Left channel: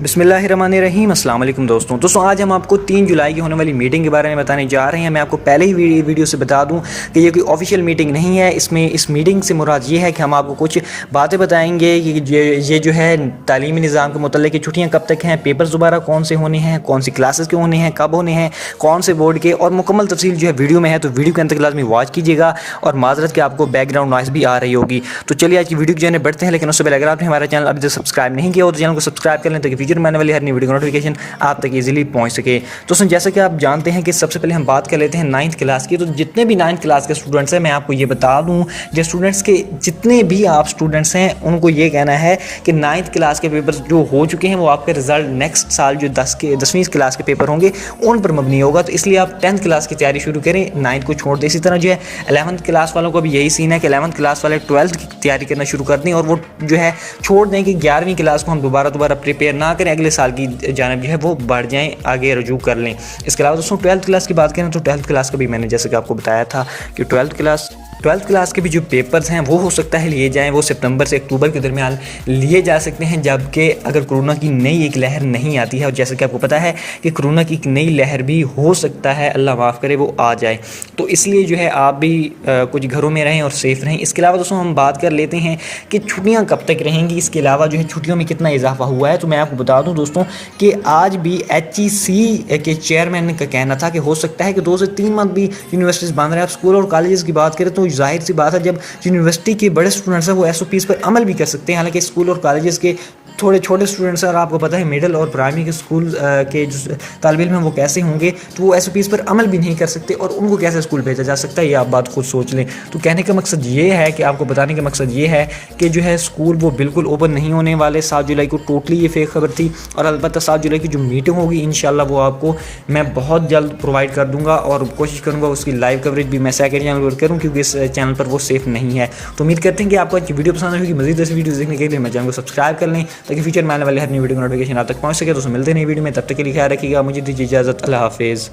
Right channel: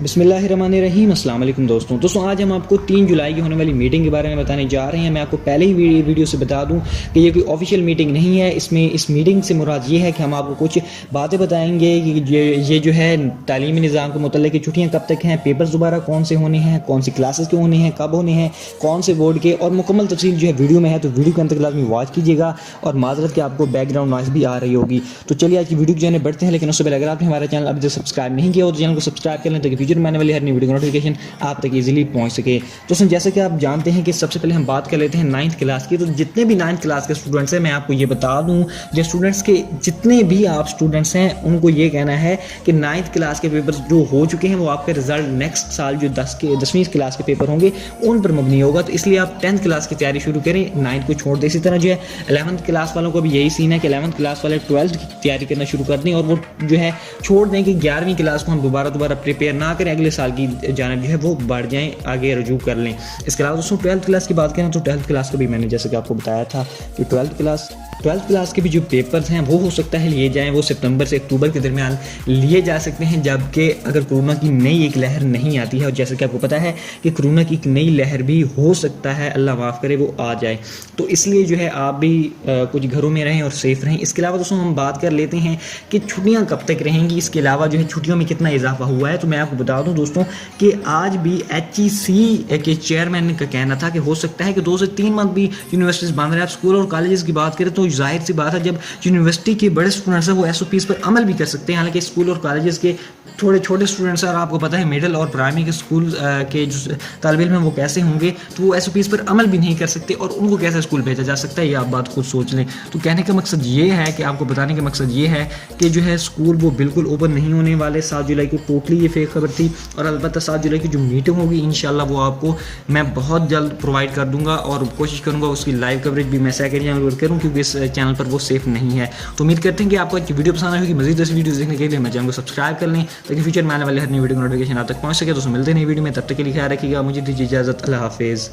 बिस्मिल्लाहिर्रहमानिर्रहीम। अस्सलाम वालेकुम दोस्तों आज हम आपको 3 जुलाई की होने वाली मीटिंग के बारे में बताने जा रहे हैं। मैं आपको पहले ही वीडियो से बता दूं कि ये कोई ऑफिशियल मीटिंग नहीं है। इस मीटिंग से मुराद ये है कि हम आपको कुछ बातें बताएंगे कि ये जो है तालीमी निज़ाम के मुतल्लिक़ कि छुट्टियाँ कब तक हैं, पेपर्स दोबारा कौन से होने हैं, कौन सी क्लासेस के होने हैं, कब होने हैं, कौन से बोर्ड के, और मुकम्मल तफसील जो है वीडियो में है। तो वीडियो के अंत तक लाज़मी वॉच कीजिएगा और माजरत कि आपको बैकग्राउंड नॉइस भी आ रही होगी। तो चलिए आज की वीडियो की जाने बढ़ते हैं, लेकिन उससे पहले अगर आपने हमारा चैनल अभी तक सब्सक्राइब नहीं किया हो तो चैनल को सब्सक्राइब कर लें ताकि फ्यूचर में आने वाली हर नई वीडियो नोटिफिकेशन आप तक इजीली पहुंच सके। तो जैसा कि आप जानते हैं कि सबसे पहले हम बात कर लेते हैं 9th क्लास की। तो जितने भी 9th क्लास के स्टूडेंट्स हैं, मैं आपको ये बता दूं, जो स्टूडेंट्स के जितने भी आप स्टूडेंट्स हैं उनको ये कहना है कि 9th क्लास के पेपर जो हो चुके हैं वो आपके रिजल्ट नेक्स्ट साल जो 10वीं क्लास के पेपर होंगे उन पर मबनी होगा। तो इसलिए आप 10th क्लास की तैयारी शुरू करें, 9th को छोड़ दें। इसी तरह जो है 11th क्लास वालों को भी यही सीन है कि 11th क्लास वाले 12th की तैयारी करना शुरू कर दें और वो जो है छोड़ दें कि 11वीं क्लास को हम दोबारा प्रिपेयर ना करें, अगले साल की जानब जो है वो बढ़ जाएं, आगे रजू कर लें। इसके अलावा दोस्तों 12th क्लास की बात करें तो 12th क्लास का भी मैंने जैसे कि आपको बताया था कि 12th क्लास के भी जो पेपर्स हैं वो हो सकता है लिए जाएं, वो सितंबर से अक्टूबर के दरमियान लिए जा सकते हैं, जबकि अगर कोरोना की नई एक लहर नहीं आती है। और जैसे कि आपको पता है कि कोरोना की एक नई लहर भी हो सकता है, अल्लाह माफ़ करे, वो आ जाए। तो इसलिए जो है आप भी कुछ घरों में रहें और सेफ़ रहें। इसके अलावा दोस्तों हम बात कर लेते हैं कि छुट्टियाँ कब तक रहेंगी, इसके अलावा जो है छुट्टियों में कितना इजाफा हुआ है। तो मैं आपको बता दूँ दोस्तों कि आज भी HEC के चेयरमैन का कहना था कि हो सकता है कि 2 से 3 मंथ भी यूनिवर्सिटीज़ बंद रहे। आप स्कूल और कॉलेजेस की बात करें तो जाहिर सी बात है, जब यूनिवर्सिटी के बड़े स्टूडेंट्स हैं वो SOPs पर अमल भी कर सकते हैं। हालांकि स्कूल और कॉलेजेस के थोड़े छोटे स्टूडेंट्स हैं और आपको पता है मिडिल और प्राइमरी के स्कूल के जो तालिब इल्म हैं वो कैसे होंगे, तो वो SOPs पर अमल भी नहीं कर सकते और उनको कैसे स्कूल भेजा जा सकता है, ये आप बात खुद सोच लें। तो कहने का मकसद ये है कि आपको बताने का मकसद ये है कि जो है स्कूल वो बिल्कुल ओपन नहीं होने वाले 7 जुलाई को। टोटली ये फेक खबर थी और अलबत्ता 7 जुलाई की जो मीटिंग होगी इंशाल्लाह वो आपको मैं बहुत जल्द प्रोवाइड कर दूंगा और कोशिश करूंगा उसकी लाइव कवरेज भी मैं सेकंड चैनल पर करूं, क्योंकि इस चैनल पर वो सेफ नहीं है। तो उम्मीद करते हैं कि आपको आज की वीडियो पसंद आएगी। मज़ीद ऐसी वीडियो देखने के लिए मैं चैनल को सब्सक्राइब कर लें ताकि फ्यूचर में आने वाले हर नई वीडियो नोटिफिकेशन आप तक पहुंच सके। तो मिलते हैं नई वीडियो में, तब तक के लिए ख्याल रखिएगा। मुझे दीजिए इजाज़त। अल्लाह हाफिज़।